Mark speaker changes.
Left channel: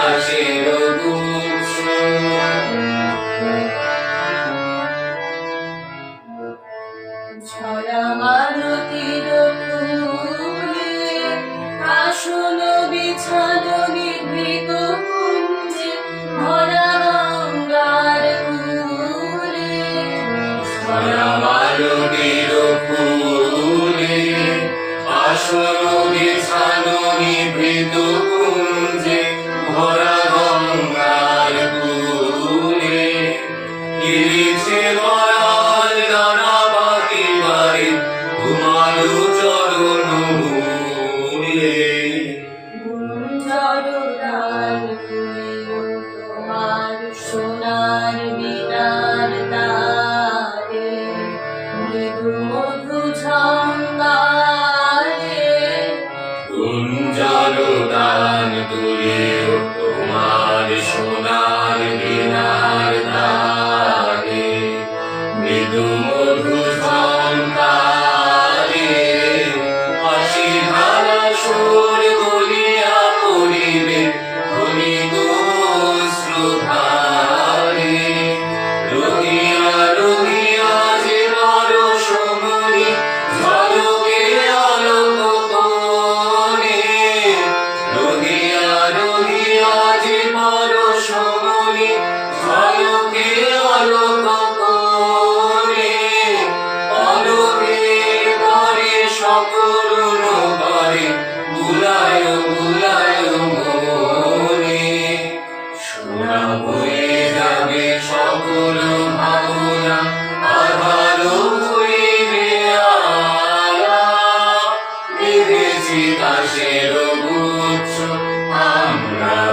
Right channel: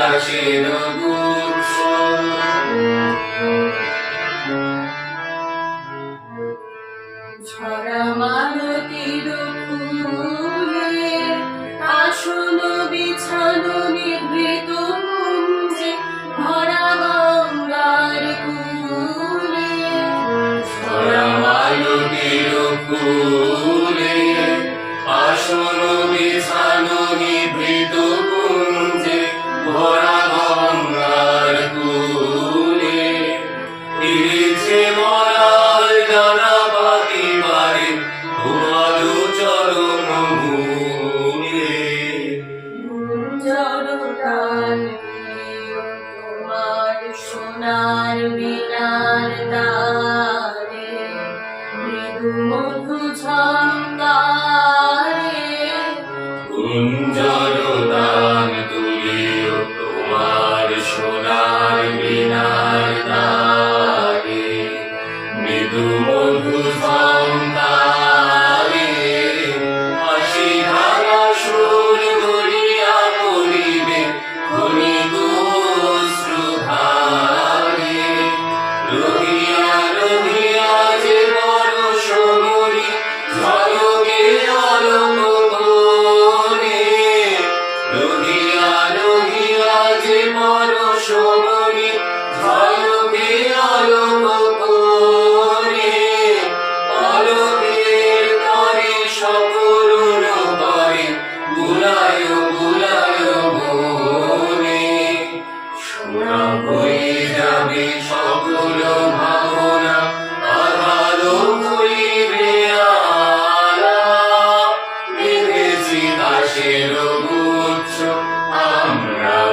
Speaker 1: আকাশের গুচ্ছ
Speaker 2: ঝরা মারতির ফুলে আসন বিছানো নিভৃত কুঞ্জে
Speaker 1: আসন ಇದು ಮಧುರ